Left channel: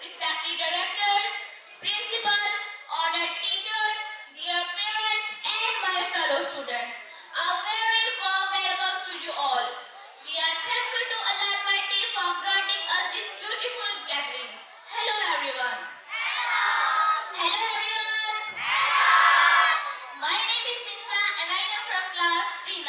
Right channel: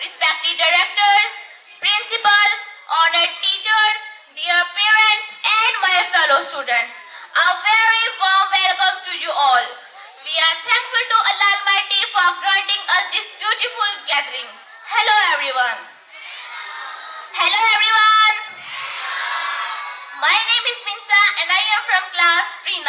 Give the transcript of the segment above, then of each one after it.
Respected directors, principals, honored teachers, dear parents, and my fellow students, a very warm welcome to you all. We are thankful to Allah Almighty for granting us this beautiful gathering. Hello everyone. Hello everyone. My name is Minsa and I am from class pre-9.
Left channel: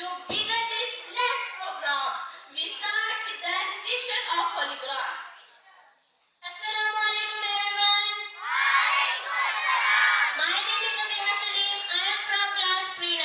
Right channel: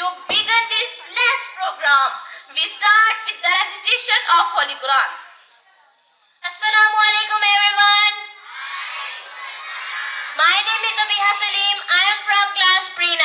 To begin this last program, we start with the recitation of Holy Quran. Assalamu alaikum everyone. My name is Abiha Salim. I am from class pre-9.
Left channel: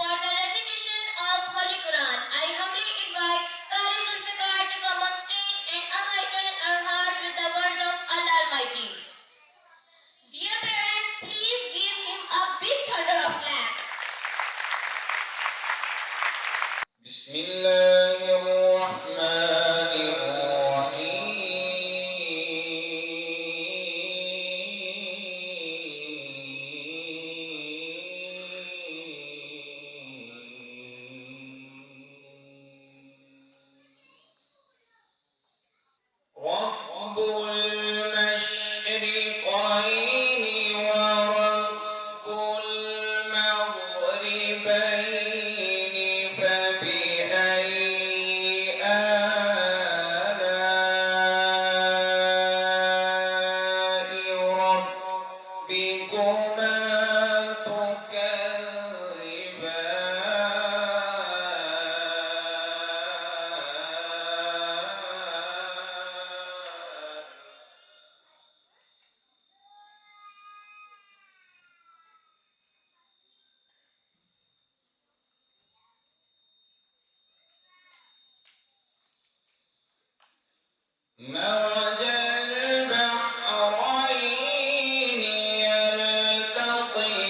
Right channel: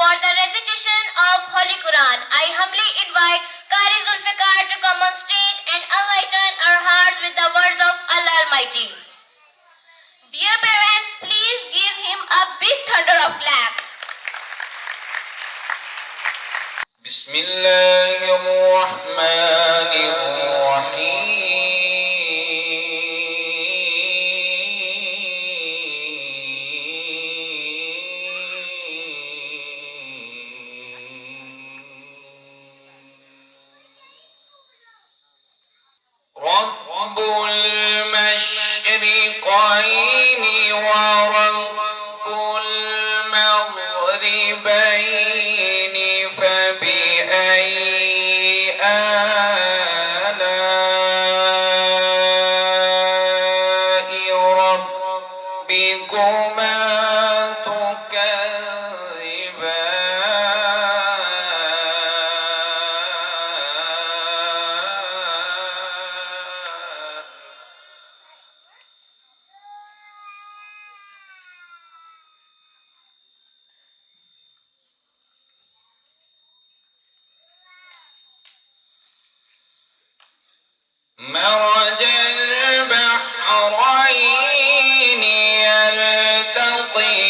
For the recitation of Holy Quran, I humbly invite Qari Zulfikar to come on stage and enlighten our hearts with the words of Allah Almighty. Dear parents, please give him a big thunder of claps. رب المشرقين ورب المغربين فبأي آلاء ربكما مرج البحرين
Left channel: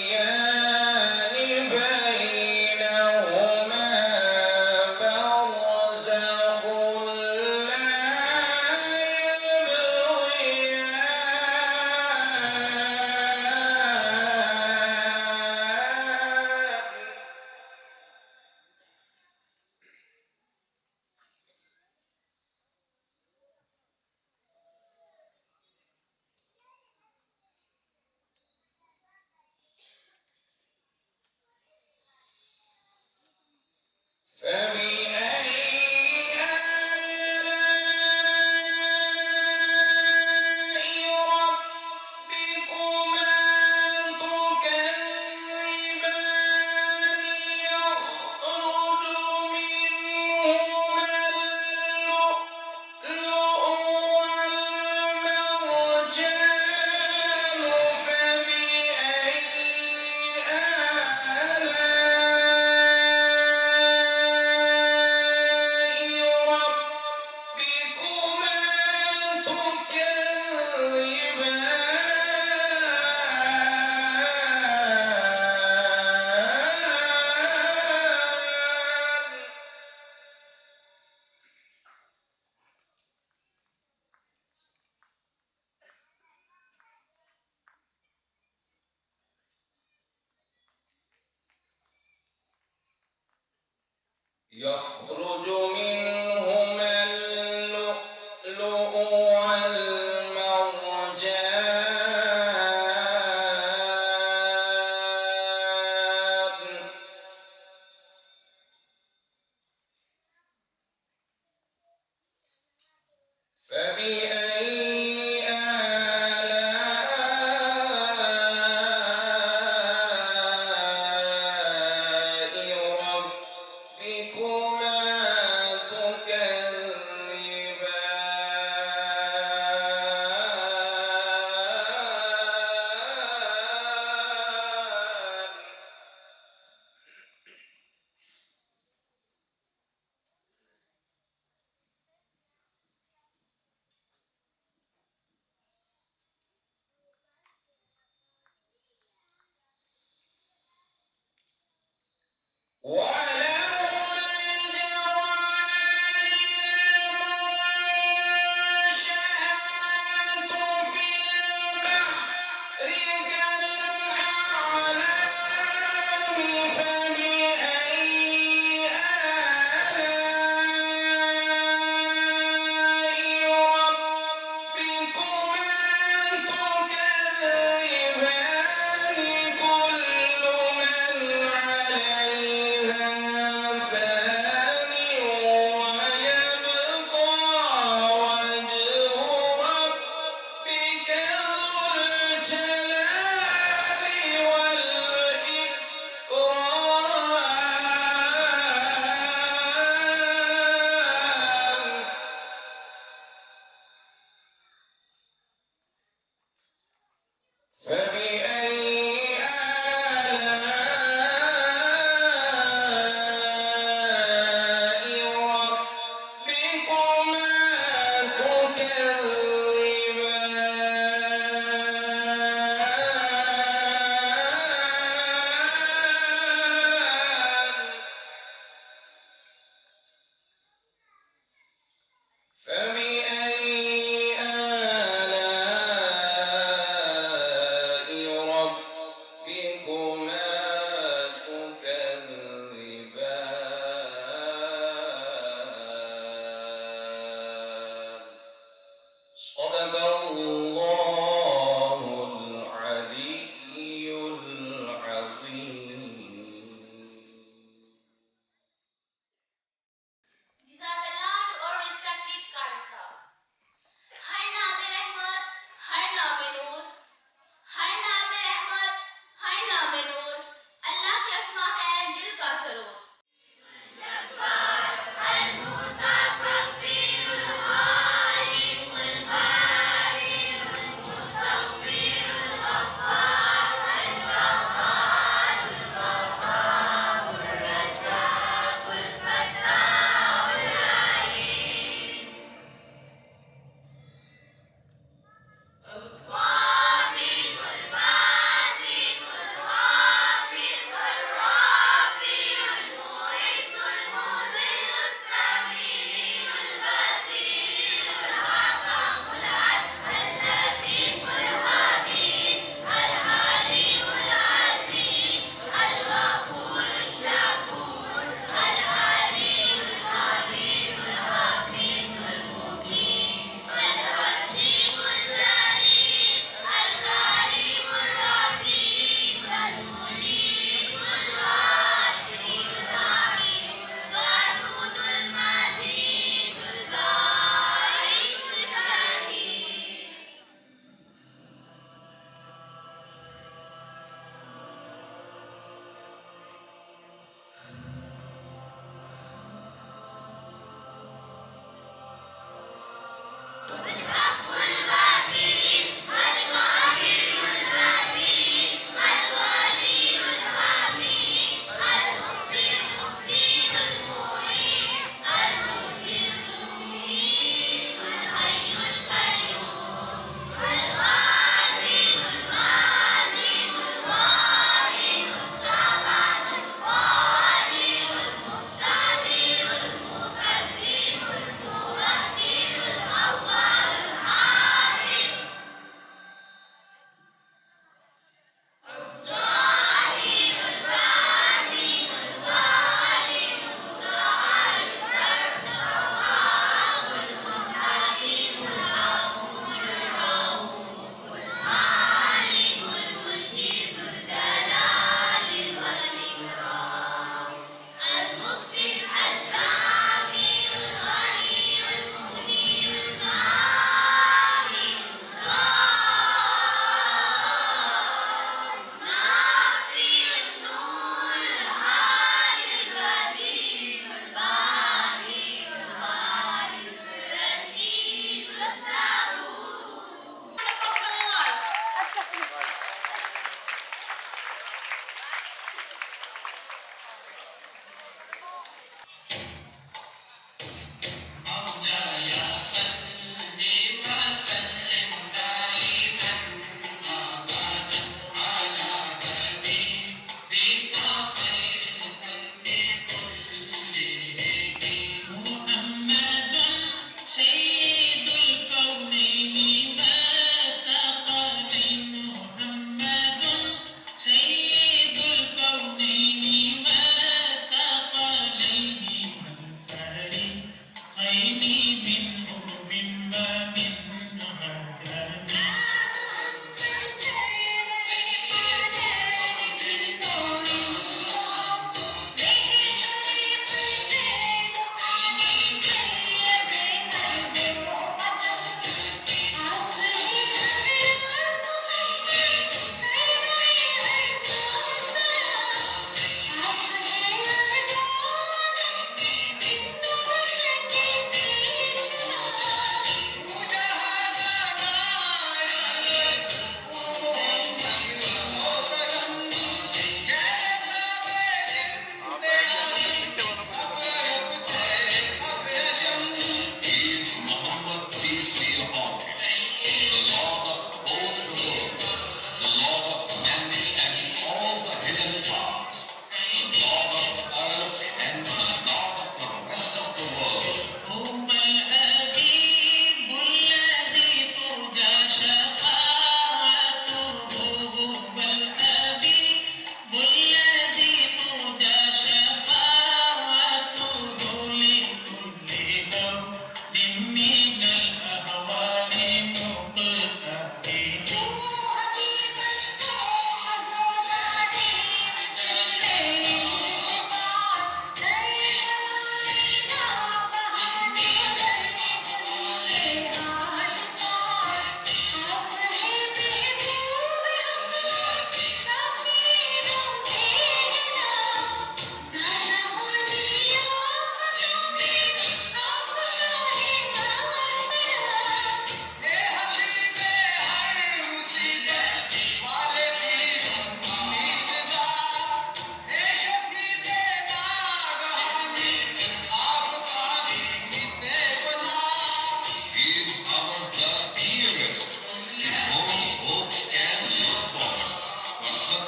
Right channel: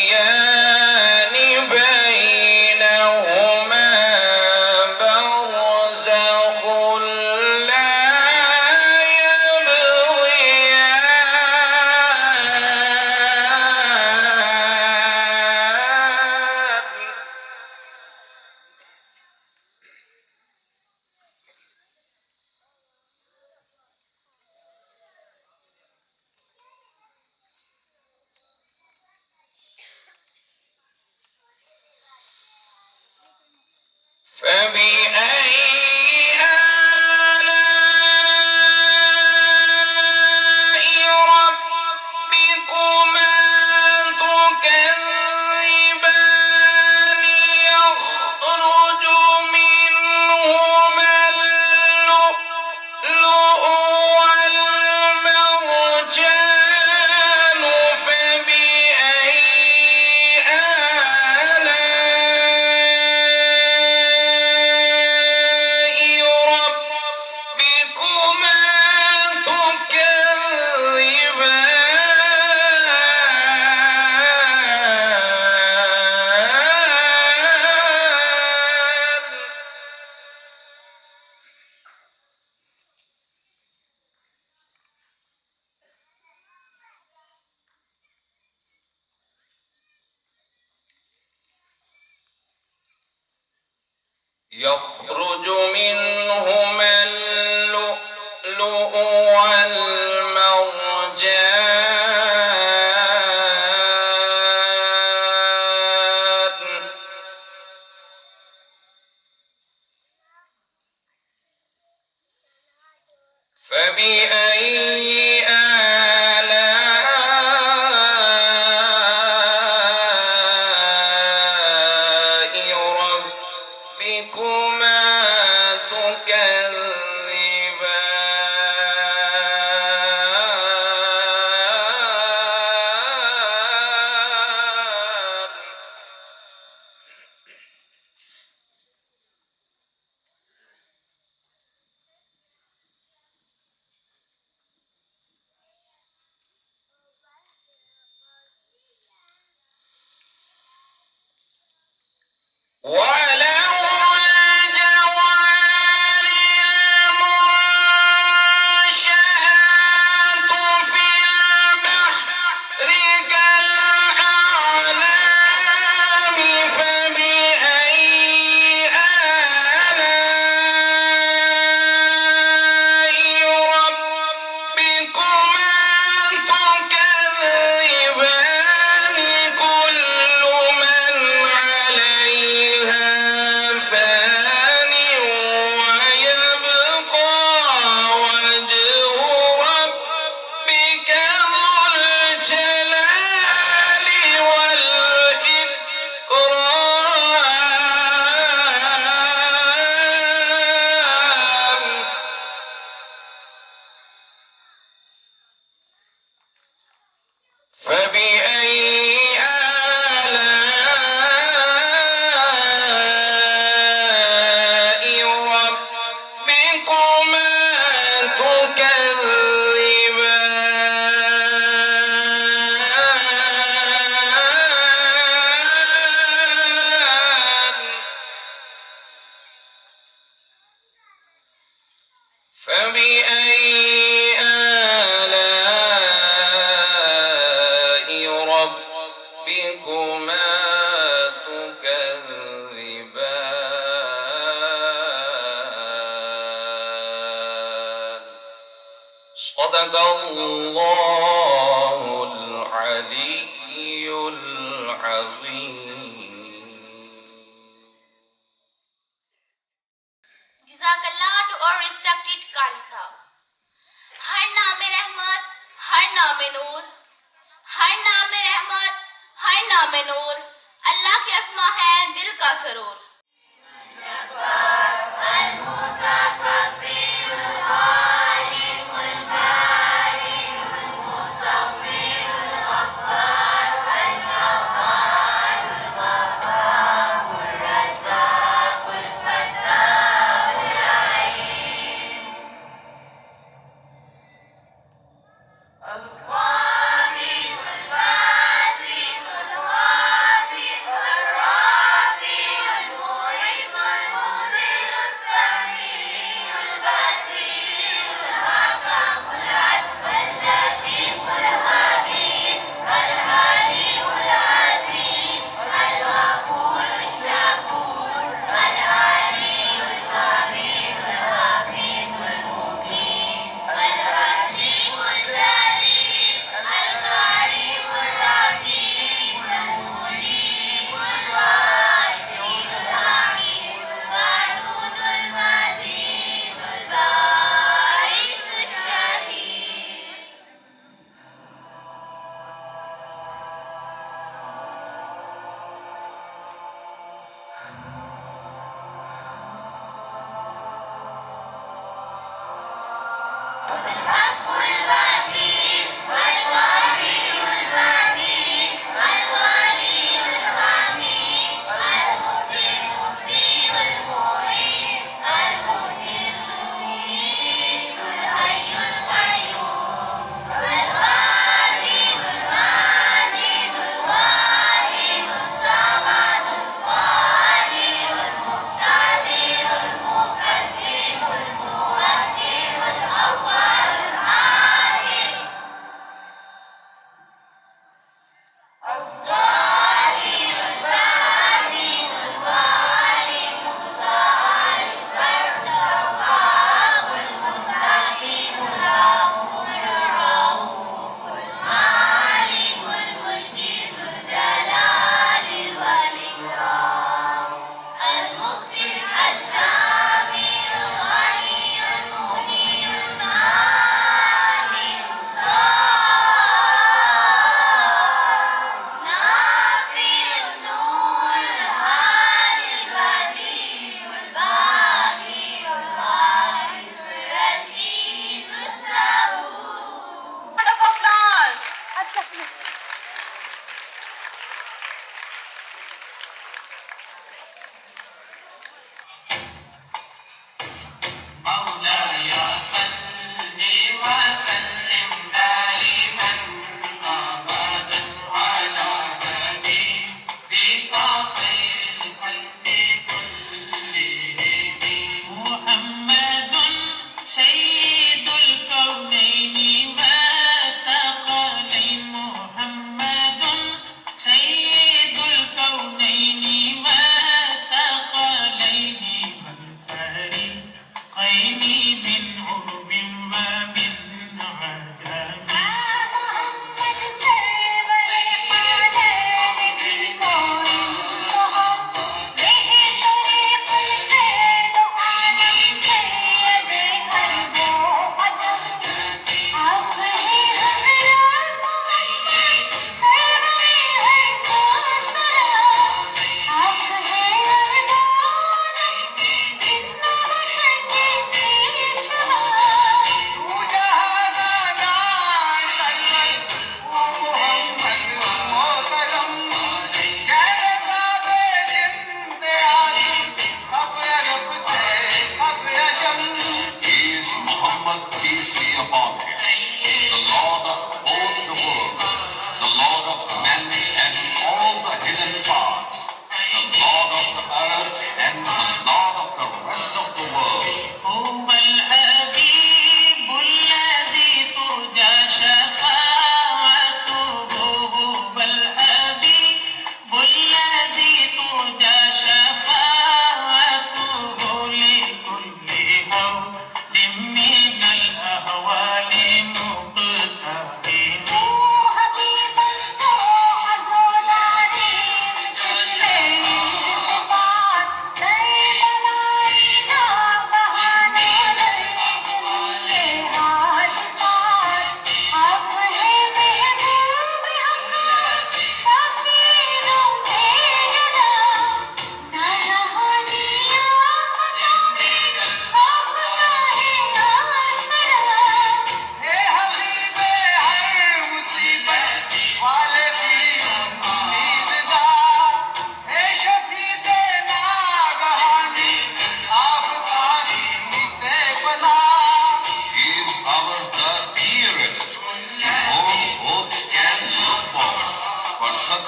يلتقيان بينهما برزخ لا يبغيان فبأي آلاء ربكما تكذبان يخرج منهما اللؤلؤ والمرجان فبأي يخرج منهما اللؤلؤ والمرجان فبأي آلاء ربكما تكذبان ربكما تكذبان صدق الله العلي العظيم. Jazakallah to our respected Qari Sahab. ہر نام رحمت، ہر نام نور، ہر نام رحمت، ہر نام نور، اللہ کے اسما ہے دل کا سرور.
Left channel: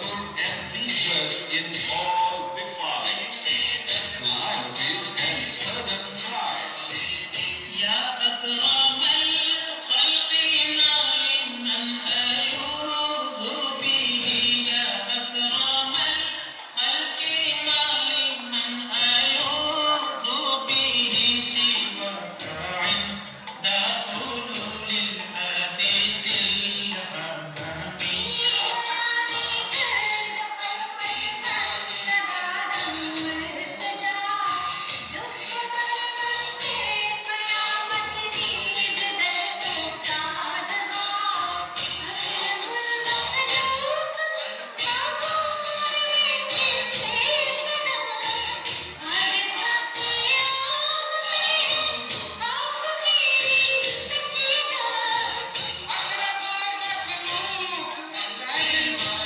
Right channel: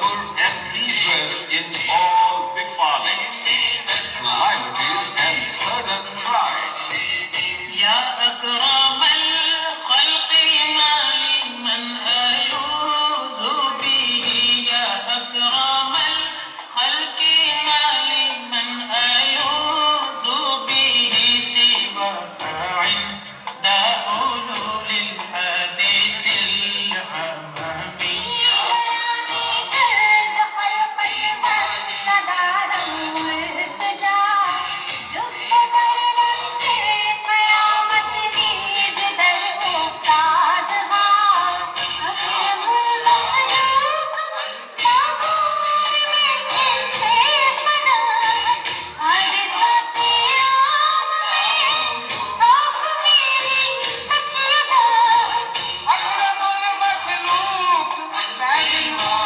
colorful and redress in all befalings, calamities, and sudden frights. يا أكرم الخلق ما لمن ألوذ به يا أكرم الخلق ما لمن ألوذ به سواك عند حلول الحديث الأمامي أكرم المخلوق لكن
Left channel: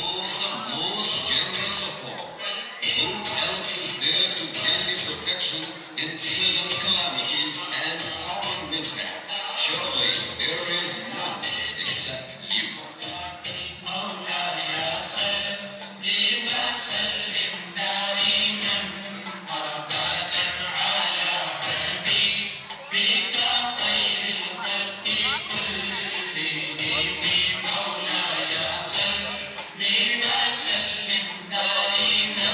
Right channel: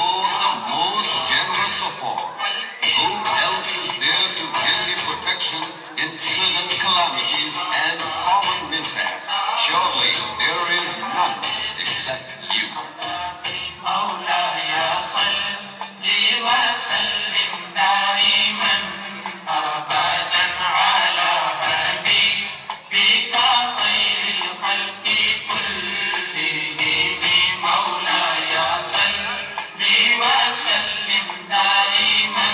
Oh, the most generous of all. Who else is there to give me protection in sudden calamities and common mishap? Surely there is none except you. مولاي صل وسلم دائما أبدا على حبيبك خير الخلق كلهم مولاي صل وسلم دائما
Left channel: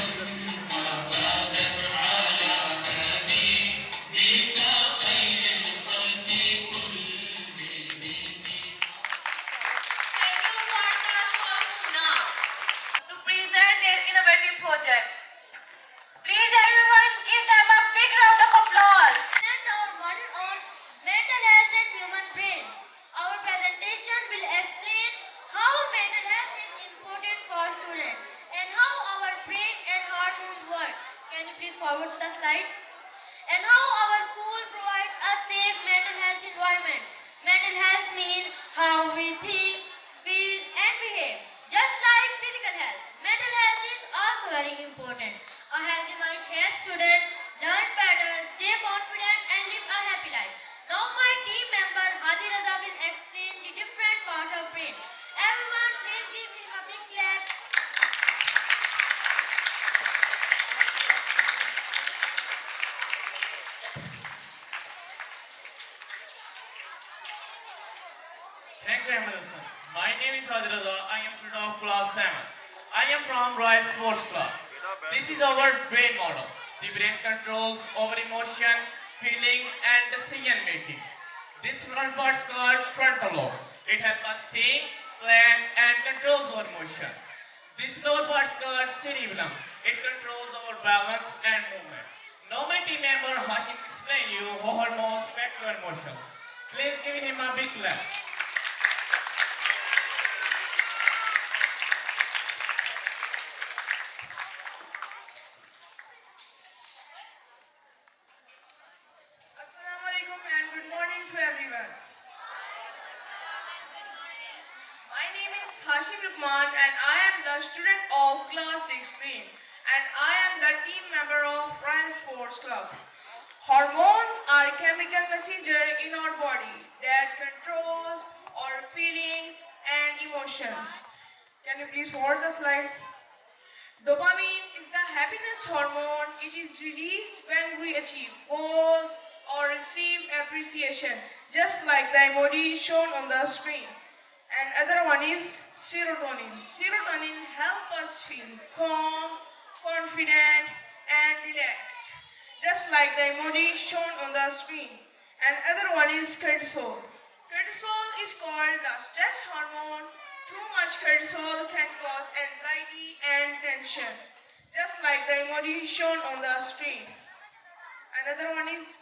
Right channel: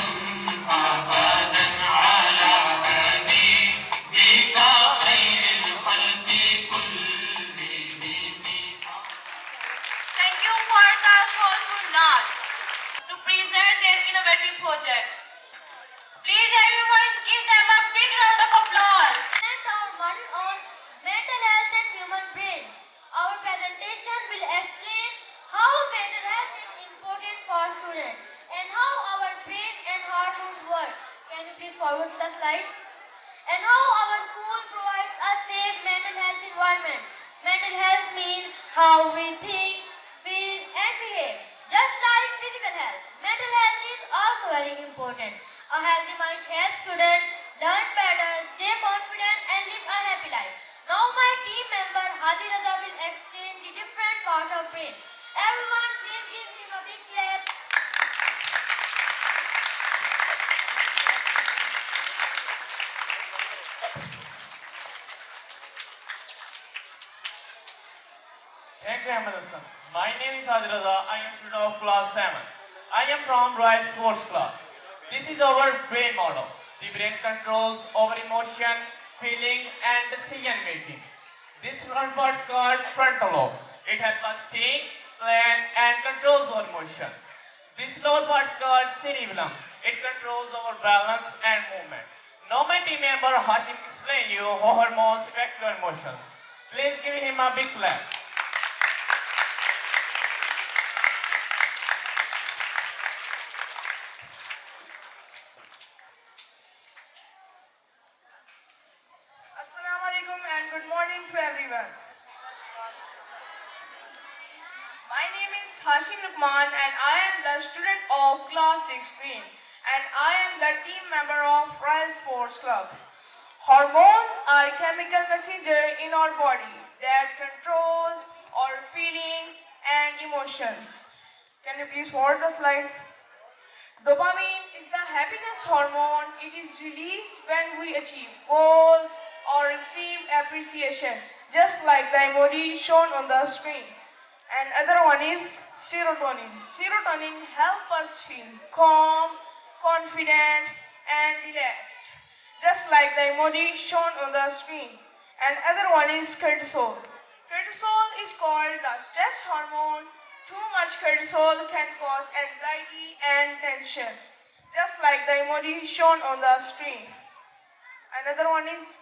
أبدا على حبيبك خير الخلق كلهم. Thank you for Taskforce Gurnath to present their innovative project. Please everyone give them a big round of applause. Present our model on mental health and human brain. Our presentation will explain how mental health is important for students and how our brain and hormones work. Can you please forward the slide? And how our school provides a safe mental health environment. Mental health means how we think, feel and behave. Just like physical health, mental health is also very important. A healthy mind helps students learn better, stay confident and live a happy life. Now my team member Hadi Raza will explain the different parts of brain. Everyone please give him a big clap. Thank you, Emerson. My name is Hajraza. I am student of class 7. I am from Royal Sports Club. This is our brain model. The brain controls our emotion, feeling and decision making. This front part is called frontal lobe. It helps us think, plan and controls our emotion. This lower part is called cerebellum. It controls our balance and movement. Now my team member Hashim explain you how hormones affect your emotions. Please give him a big clap. Assalamu alaikum and good morning to everyone. My name is Hashim Lukman and I am the student of class 16 and I am the team member of Royal Sports Club. Hormones are chemical messenger in our body that controls our feelings and emotions. Can you please forward the slide? Dopamine is the happiness hormone. It is released when we achieve goals or receive appreciation, just like the emoji shown on the screen. And other one is serotonin. Serotonin helps us feel calm, confident, and relaxed, just like the emoji shown on the screen. And other one is cortisol. Cortisol is called the stress hormone. Too much cortisol can cause anxiety and tension, just like the emoji shown on the screen. Another one is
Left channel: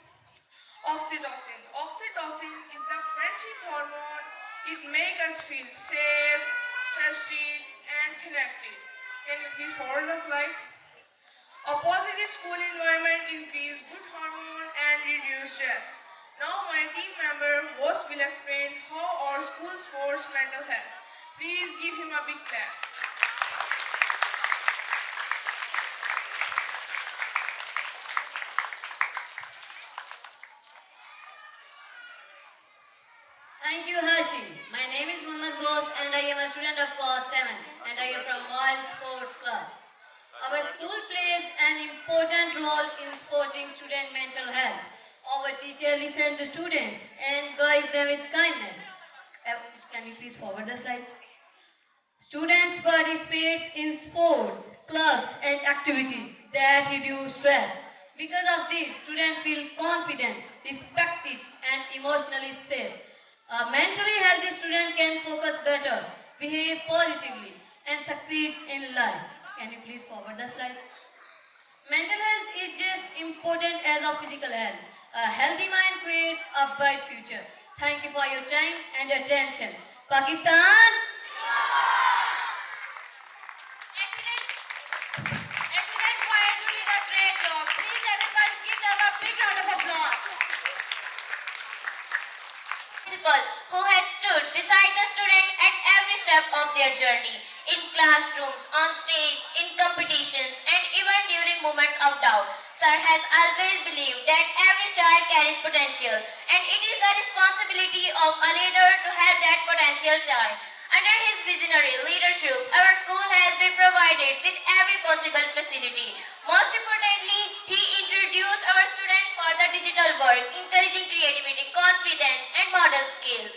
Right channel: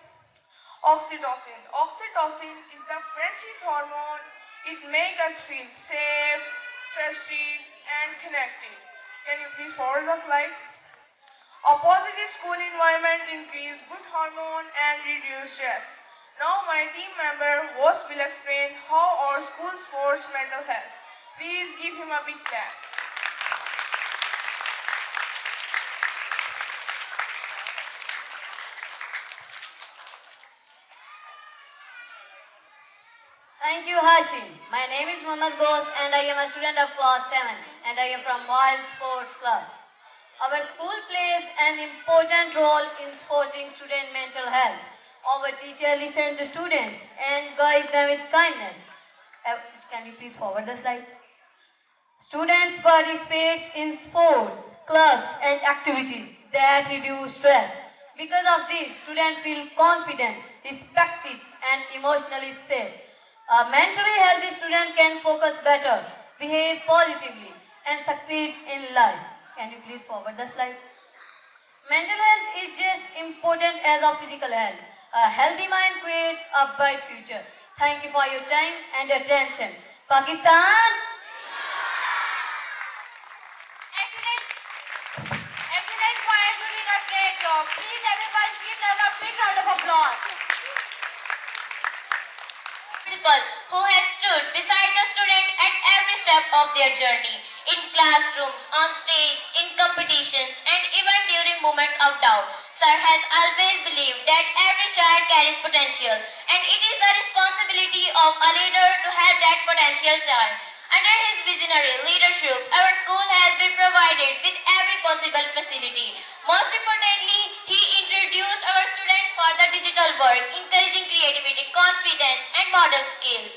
oxytocin. Oxytocin is the friendship hormone. It makes us feel safe, trusted, and connected. Can you please forward the slide? A positive school environment increases good hormone and reduce stress. Now my team member Woz will explain how our school supports mental health. Please give him a big clap. Thank you, Hashim. My name is Mohammad Ghosh and I am a student of class 7 and I am from Royal Sports Club. Our school plays an important role in supporting student mental health. Our teacher listens to students and guides them with kindness. Can you please forward the slide? Students participate in sports, clubs and activities that reduce stress. Because of this, students feel confident, respected and emotionally safe. A mentally healthy student can focus better, behave positively and succeed in life. Can you please forward the slide? Mental health is just important as our physical health. A healthy mind creates a bright future. Thank you for your time and attention. Pakistan! Excellent choir, you did a great job. Please everybody give them a big round of applause. Principal who has stood beside the student at every step of their journey, in classrooms, on stage, in competitions, and even during moments of doubt. Sir has always believed that every child carries potential, and it is the responsibility of a leader to have that potential shine. Under his visionary leadership, our school has been provided with every possible facility. Most importantly, he introduced our students for the digital world, encouraging creativity, confidence and model skills.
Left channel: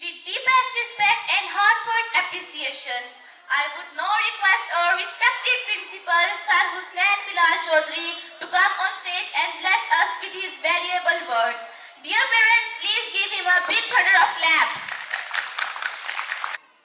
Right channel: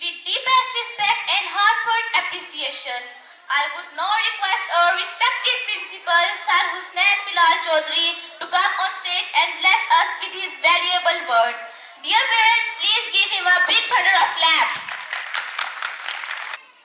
With deepest respect and heartfelt appreciation, I would now request our respected principal, Sir Husnain Bilal Chaudhary, to come on stage and bless us with his valuable words. Dear parents, please give him a big thunder of claps.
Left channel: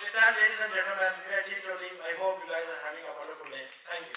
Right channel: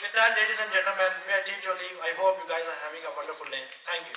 With that, ladies and gentlemen, we are going to leave. I hope you guys are having a wonderful day. Thank you.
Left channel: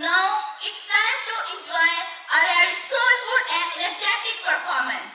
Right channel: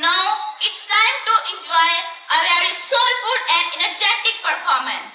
Now it's time to enjoy a very soulful and energetic performance.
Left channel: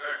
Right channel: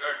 Good.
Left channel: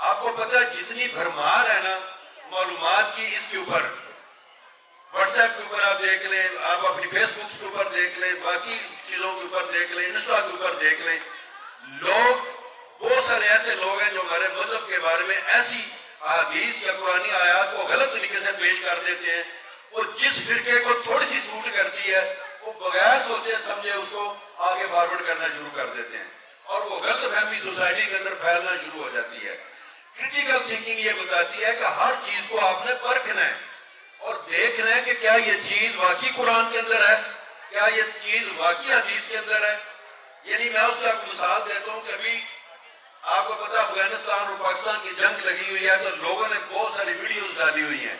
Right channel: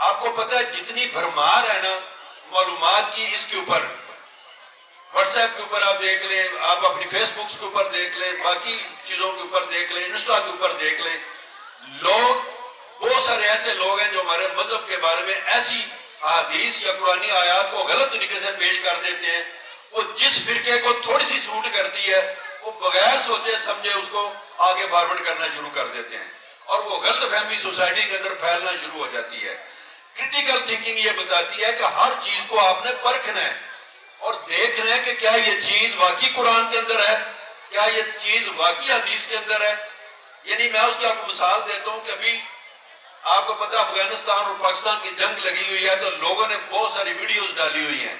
آپ کو پتہ ہے جتنی بھرمار ہے نا معلومات کی اس کے اوپر، واٹس ایپ کے اوپر آپ دیکھ لیں، آپ اپنی فیس بکس کے اوپر دیکھ لیں، باقی چیزوں کے اوپر دیکھ لیں، انسٹا کے اوپر دیکھ لیں، لوگ بہت سارے ایسے لوگ ہیں جو ہمارے مذہب کے بارے میں ایسی حدیث یا قرآنی آیات کو غلط طریقے سے پیش کر دیتے ہیں. وہ جس فرقے کو تھوڑی سی سوٹ کرتی ہے وہ بغیر سوچے سمجھے اس کو آگے فارورڈ کرنا شروع کر دیتے ہیں اور وہ غلط فہمی سوسائٹی کے اندر پھیلنا شروع ہو جاتی ہے. کرٹیکل تھنکنگ یہ بتاتی ہے کہ ہر چیز کو آپ نے پرکھنا ہے اور دیکھنا ہے کہ کیا یہ چیز واقعی قرآن کے اندر ہے، کیا یہ چیز واقعی حدیث کے اندر ہے. یعنی میں اس کی آپ کو مثال دیتا ہوں کہ ابھی آپ کو پتہ افغانستان اور پاکستان کی جنگ لگی ہوئی ہے تو لوگوں نے بہت ساری ویڈیوز ڈالی ہوئی ہیں.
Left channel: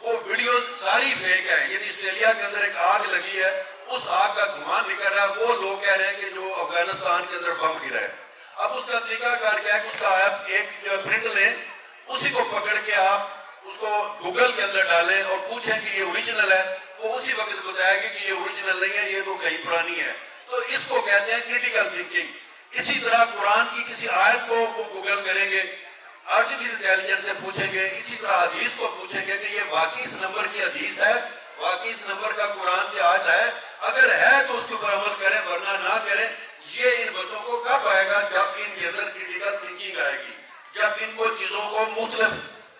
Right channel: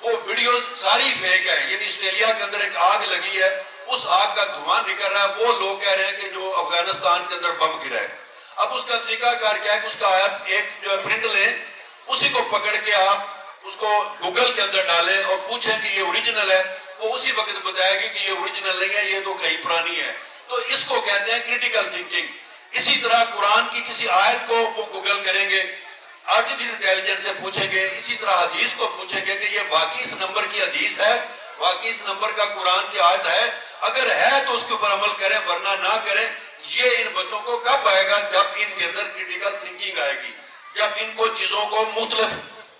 وہ ویڈیوز ساری فیک ہے. یعنی آسٹریلیا کے اندر ایک آگ لگی ہے، اس آگ کا دھواں نکل رہا ہے، وہ لوگ کہہ رہے ہیں کہ جو افغانستان کے اندر بم گرا ہے. اب اس کا طریقہ کار کیا ہے کہ اس کا آپ ایک جو پرنٹ لیں، اسی کو پکڑ کے آپ اس کو گوگل کے اندر ڈالیں اور پوچھیں کہ یہ اوریجنل ہے، وہ اسی وقت بتائے گی کہ یہ اوریجنل نہیں ہے، یہ تو کہیں پرانی ہے. تو اس کو کہتے ہیں کریٹیکل تھنکنگ. اسی طرح قرآن کی کسی آیت کو وہ گوگل کریں گے، آرٹیفیشل انٹیلیجنس سے پوچھیں گے، اسی طرح حدیث کو پوچھیں گے کہ یہ واقعی اس نمبر کی حدیث ہے، واقعی اس نمبر کا قرآن کی آیت ہے. اگر ہے تو اس کے اوپر عمل کریں، ورنہ نہ کریں. یہ ان بچوں کو کب آئے گا؟ جب ان کے اندر کریٹیکل تھنکنگ آئے گی، جب ان کو چیزوں کو مختلف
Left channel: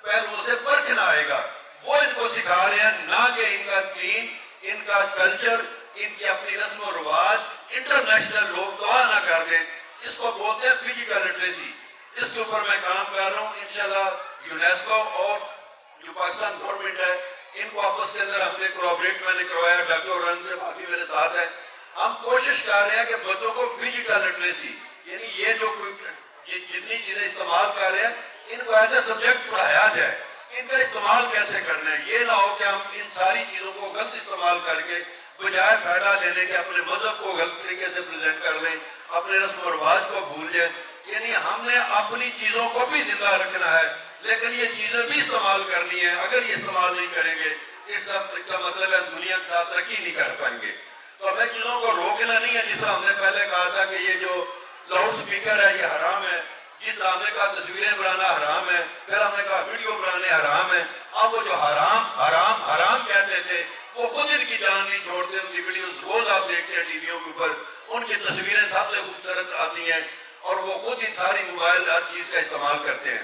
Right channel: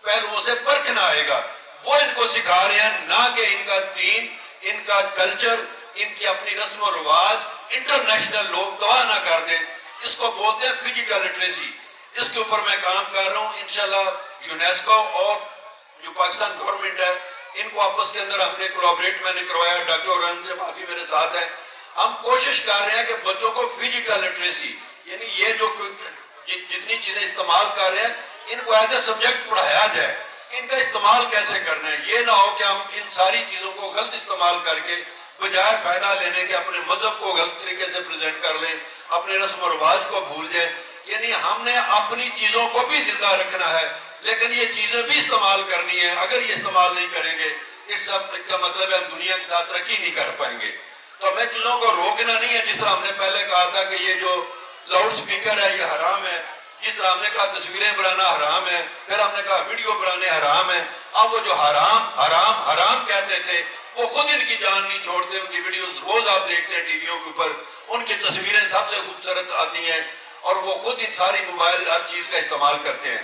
پہلوؤں سے پرکھنا آئے گا. وہ ان کو سکھا رہے ہیں، نہ کہ ان کا دین، ان کا کلچر، ان کی اپنی رسم و رواج انٹرنیشنل لوگ گواہ نہ کر دیں. اس کو بولتے ہیں فزیکل لٹریسی. اس کے اوپر میں کام کر رہا ہوں. انشاءاللہ یونیسکو اور جو پاکستان گورنمنٹ ہے ان کو آپس کے اندر ہم نے کولیبریٹ میں نے کروایا. ڈاکٹر رنگ سے معافی میرے ساتھ ہیں. ہم کوشش کر رہے ہیں کہ بچوں کو فزیکل لٹریسی، یعنی یہ جو جتنی چیزیں استعمال کر رہے ہیں ان کو ایز اے سبجیکٹ پڑھایا جائے. ان کا استعمال کیسے کرنا ہے، یہ نہ ہو کہ ہم ان ساری چیزوں کو غلط استعمال کر کے بجائے فائدہ لینے کے اپنے مذہب کو غلط طریقے سے پریزنٹ کر لیں، اپنے رسم و رواج کو بھول جائیں. یعنی ہم نے اپنی چیزوں کو بھی زندہ رکھنا ہے لیکن یہ چیزیں بھی استعمال کرنی ہے. اگر یہ استعمال نہیں کریں گے اس سب کا مطلب ہے ہم دنیا کے ساتھ ترقی نہیں کر پائیں گے. تو ہمیں چیزوں کو روکنا نہیں ہے. جس طرح ہم نے پہلے کہا تھا کہ یہ جو لاؤڈ سپیکر ہے یہ حرام ہے، جس طرح ہم نے کہا تصویریں بنانا حرام ہے، پھر ہم نے کہا ویڈیو بنانے حرام ہے. اب وہ جو حرام حرام حرام کہتے تھے وہ خود ان کی جان نہیں چھوڑتے. ان کی ویڈیوز روز آپ دیکھتے ہیں ٹی ویوں کے اوپر، ان کی تصویریں سب سے خوبصورت آتی ہیں اور وہ خود ان ساری موبائل ہر چیز کا استعمال کرتے ہیں.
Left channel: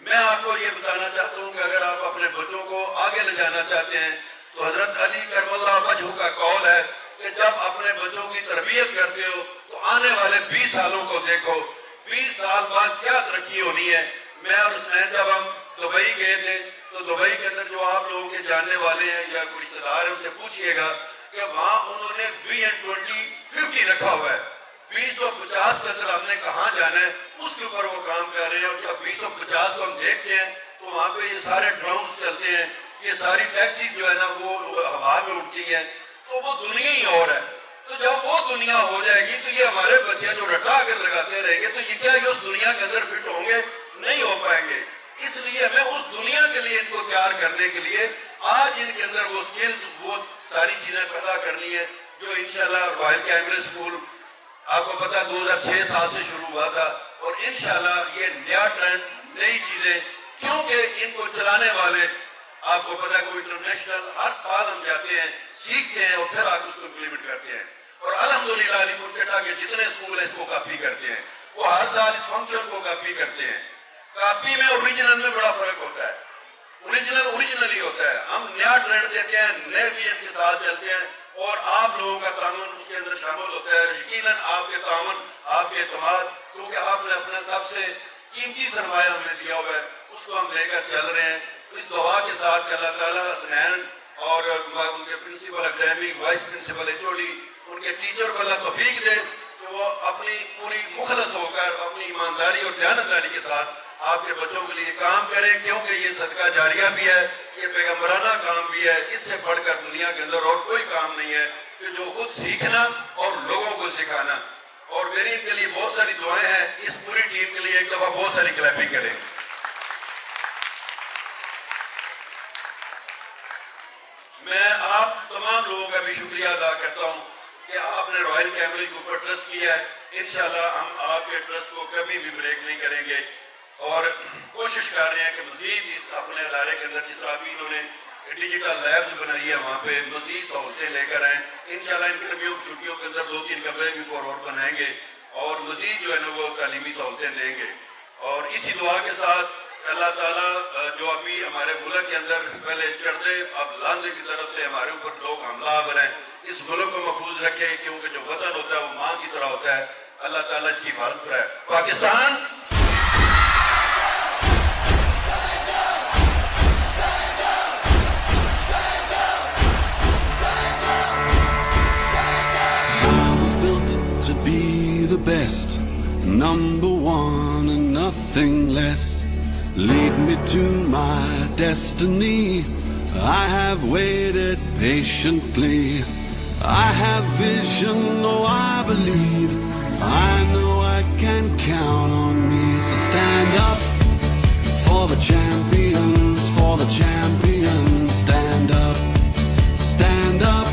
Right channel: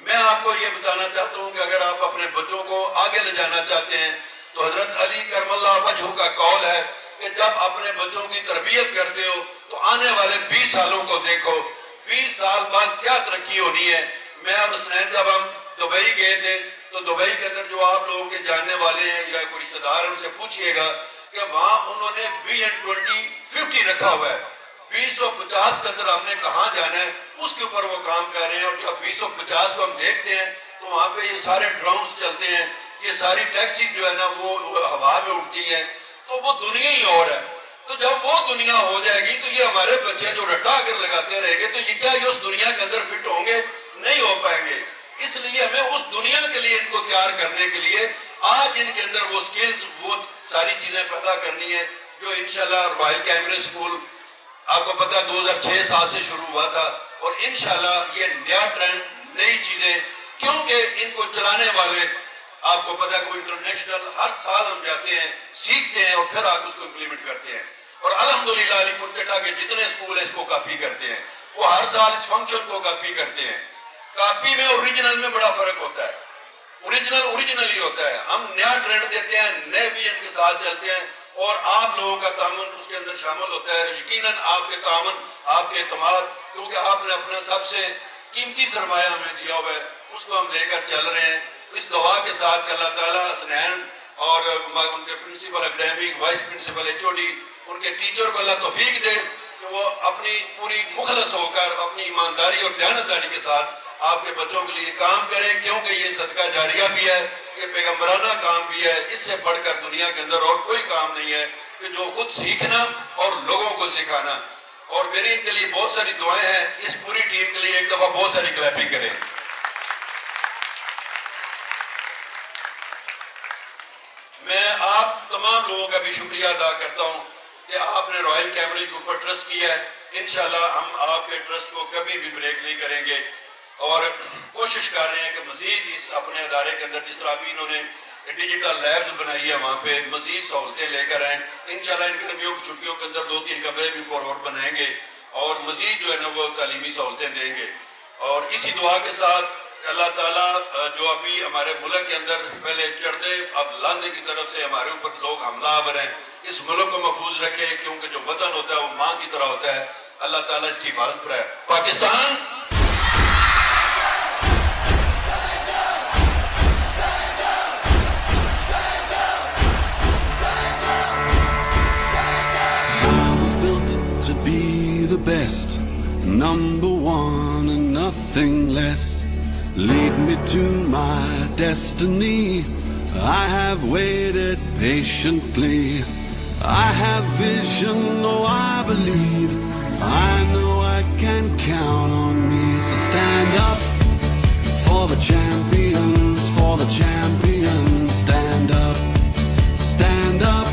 میں آپ کو یہ بتانا چاہتا ہوں کہ اگر آپ اپنے بچوں کو آگے لے جانا چاہتے ہیں تو حضرت علی کرم اللہ وجہہ کا قول ہے کہ جب اپنے بچوں کی تربیت کرتے ہو تو آنے والے 20 سالوں کو دیکھو. 20 سال بعد کیا ترقی ہونی ہے. میں اور حسنین جب ہم دبئی گئے تھے تو دبئی کے اندر جو آپ لوگوں کے جاننے والے ہیں یا کوئی رشتہ دار ہیں ان سے پوچھئے گا کہ وہاں انہوں نے Vision 2050 رکھا ہوا ہے. 2050 کے اندر ہم نے کہاں جانا ہے اس کے اوپر وہ کام کر رہے ہیں. اور جب 2050 کو ہم دیکھتے ہیں تو وہاں پہ یہ سارے ڈرونز چلتے ہیں، یہ ساری ٹیکسی جو ہے نا وہ ہوا میں اڑتی ہیں. تو وہ دنیا ہی اور ہے. تو جب وہ دنیا ہو جائے گی تو یہ ہمارے بچے جو رٹا کر لگاتے رہیں گے تو یہ کیا یہ اس دنیا کے اندر فٹ ہوں گے؟ نہیں ہو پائیں گے. اس لیے ہمیں اس دنیا کے لیے ان کو تیار کرنے کے لیے آج ان کے اندر وہ سکلز وہ ساری چیزیں پیدا کرنی ہے جو انشاءاللہ رائل کیمبرج اسکول آپ کو پتا 2006 سے شروع ہوا تھا. اور انشاءاللہ یہ نیا ٹرینڈ نئی چیزیں کیونکہ ان کو چلانے والے آپ کو پتا کوئی انٹرنیشنل ہر سال ہم جاتے ہیں سیکھتے ہیں اور پھر آپ اس کو امپلیمنٹ کرتے ہیں. اور الحمدللہ علی پور چٹا کے جتنے اسکول ہیں اس کو کاپی کرتے ہیں. وہ ہر سال اس فنکشن کو کاپی کرتے ہیں. کاپی میں اوریجنل میں بڑا فرق ہوتا ہے. اوریجنل ہی ہوتا ہے. ہم نیا ٹرینڈ دیتے ہیں، نئے ویژن کے ساتھ چلتے ہیں اور آپ لوگوں کا تعاون اس کے اندر شامل ہوتا ہے. یقیناً آپ کے تعاون، آپ کے اعتماد، کیونکہ آپ نے اپنا سب سے قیمتی سرمایہ ہمیں دیا ہوا ہے اس کو ہم لے کر چل رہے ہیں. اس دعا کے ساتھ کہ اللہ تعالیٰ حسنین اور ان کے principal academic, vice principal HOD، ان کے ٹیچر کو اللہ توفیق دے کہ وہ اپنی پوری مخلص ہو کر اپنی ایمانداری اور دیانتداری کے ساتھ آپ کے بچوں کے لیے کام کریں. کیونکہ یہ صدقہ جاریہ بھی ہے، یہ پیغمبرانہ کام بھی ہے. اس سے بڑھ کر دنیا کے اندر اور کوئی کام نہیں ہے کہ جو خود سیکھنا اور لوگوں کو سکھانا. اور میری ان کے لیے بہت ساری دعائیں ہیں. اس پوری ٹیم کے لیے ایک دفعہ بہت ساری کلیپنگ کریں. میں آپ تمام لوگوں کا بھی شکریہ ادا کرتا ہوں کہ آپ نے رائل کیمبرج کے اوپر ٹرسٹ کیا ہے. انشاءاللہ ہم آپ کے ٹرسٹ کو کبھی بھی بریک نہیں کریں گے. اور کوشش کر رہے ہیں کہ مزید اس اپنے ادارے کے اندر جس طرح ابھی انہوں نے ڈیجیٹل لیبز بنائی ہے وہاں پہ مزید سہولتیں لے کر آئیں. انشاءاللہ ان گرمیوں کی چھٹیوں کے اندر 2-3 کمرے بھی اور بنائیں گے اور مزید جو ہے نا وہ تعلیمی سہولتیں دیں گے. اور اسی دعا کے ساتھ اللہ تعالیٰ جو ابھی ہمارے ملک کے اندر پہلے چڑھتے اب لاندے کی طرف سے ہمارے اوپر لوگ حملہ آور ہیں, اس ملک کو محفوظ رکھے کیونکہ جو وطن ہوتا ہے وہ ماں کی طرح ہوتا ہے. اللہ تعالیٰ اس کی حفاظت کرے. Pakistan to be the best, number one and nothing less. Lead me to my destiny. I have waited patiently. I have vision, though I believe. I know I can count on me. So stand up for the champions, for the champions. Stand up, stand up,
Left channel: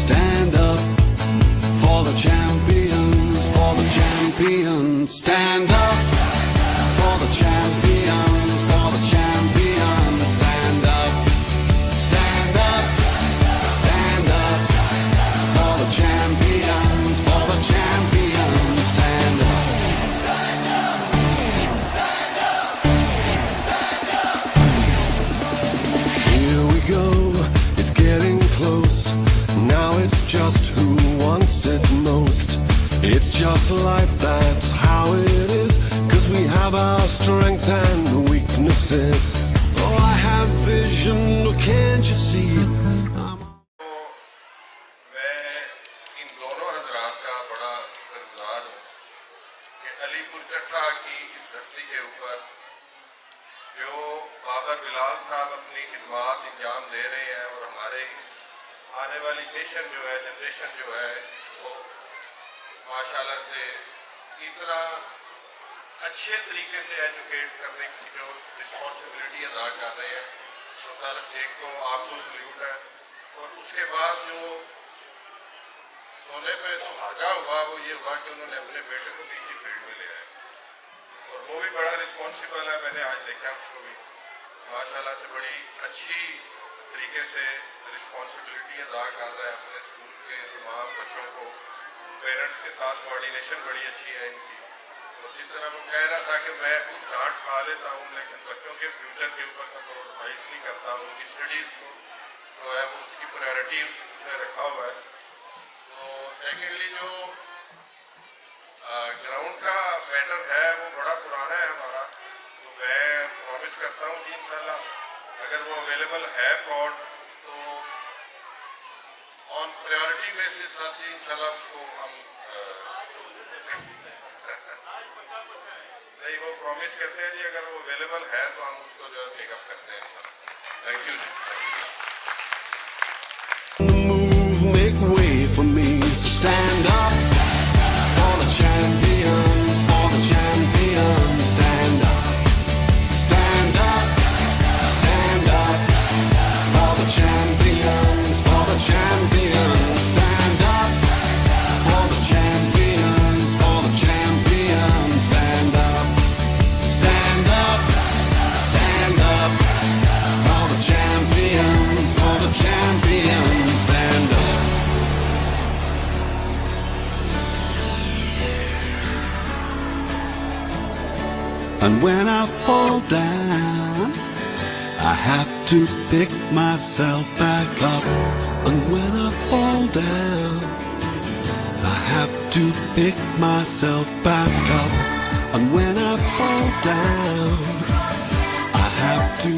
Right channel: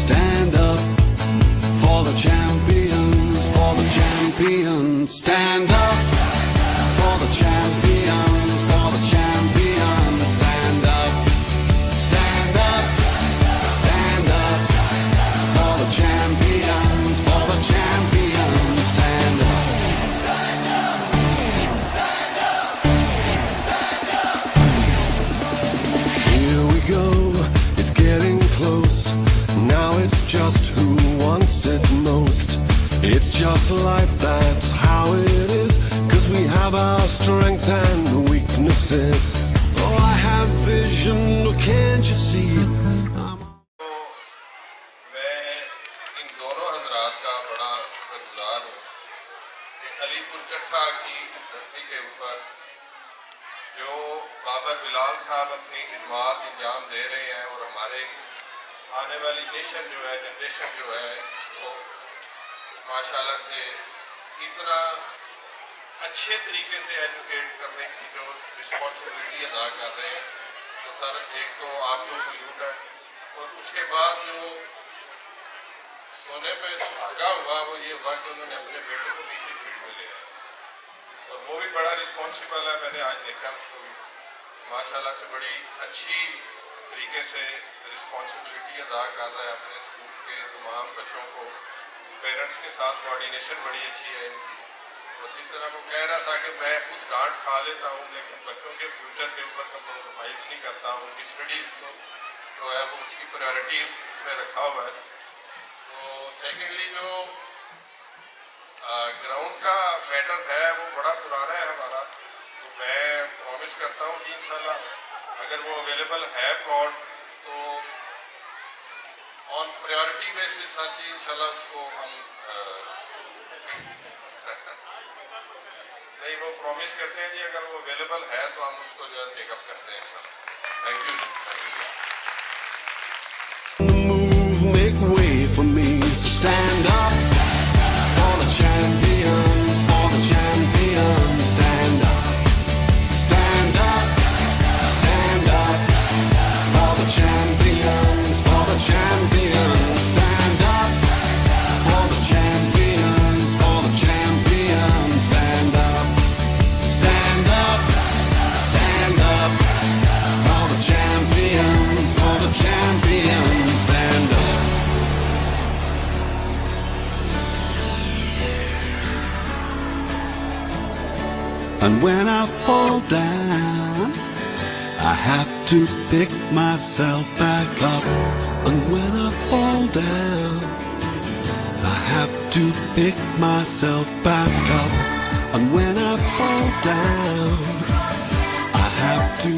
stand up. For the champions, for the champions, stand up. For the champions, for the champions, stand up. Stand up, stand up. For the champions, for the champions, stand up. Stand up, stand up, stand up. Here we go, it's getting close. Now it's just who wants it most. It's just life, that's how it is. 'Cause we have our strengths and weaknesses. Oh, I have vision, oh, can't you see? میں ان دونوں حضرات کا بڑا شکر گزار ہوں کہ علی پور کٹھا کی اس دھرتی کے اوپر جو بابا بلال صاحب اپنی خدمات انجام دے رہے ہیں اور ہمارے آنے والی نیشن جو ہے جنریشن جو ہے اس کو ماشاءاللہ سے اتنا اچھے طریقے سے ایجوکیٹ کرنے کی جو رسپانسبلٹی ادا کر رہے ہیں. تو سر ایک تو آپ کو سلیوٹ ہے اور اس کے بعد جو سونے پہ سہاگا ہوا وہ یہ ہوا کہ انہوں نے اپنے بیٹے کو بھی اسی فیلڈ میں لے آیا اور وہ بھی بڑا رسپانسبل ہے. میں نے آج دیکھا اس کو بھی ماشاءاللہ سے بڑی اچھی طریقے سے رسپانسبلٹی ادا کر رہا ہے اپنے اسکول کے تمام بچوں کو. پیرنٹس کے ساتھ کوآرڈینیشن بڑی اچھی ہے. اور جس طرح وہ کہہ رہا تھا کہ میں خود ڈانٹ کھا لیتا ہوں لیکن بچوں کے فیوچر کے اوپر کمپرومائز نہیں کرتا. ان کی اسٹڈیز کو جو ہے وہ اس کی پرائرٹی اس نے رکھا ہوا ہے. تو سیکنڈلی جو گراؤنڈ کا میٹر ہے وہ بڑا پرانا ہے ہمارا. تو میں پرومس کرتا ہوں کہ انشاءاللہ اگر وہ اویلیبل ہے پلاٹ تو آن پریورٹی بیسس آتی انشاءاللہ اس کو ہم نہیں وہ پرومس کرتے ہیں جی اگر وہ اویلیبل ہے تو ہم اس کو جو ہے ٹیک اپ کرتے ہیں انشاءاللہ. Thank you. Move, make way for me. So stand up for the champions, for the champions. Stand up, stand up, stand up. For the champions, for the champions. Stand up for the champions, for the champions. Stand up, stand up, stand up. For the champions, for the champions. Stand up. And when I fall down, I have to pick myself back up. And when I fall down, I have to pick myself back up. And when I fall down, I have to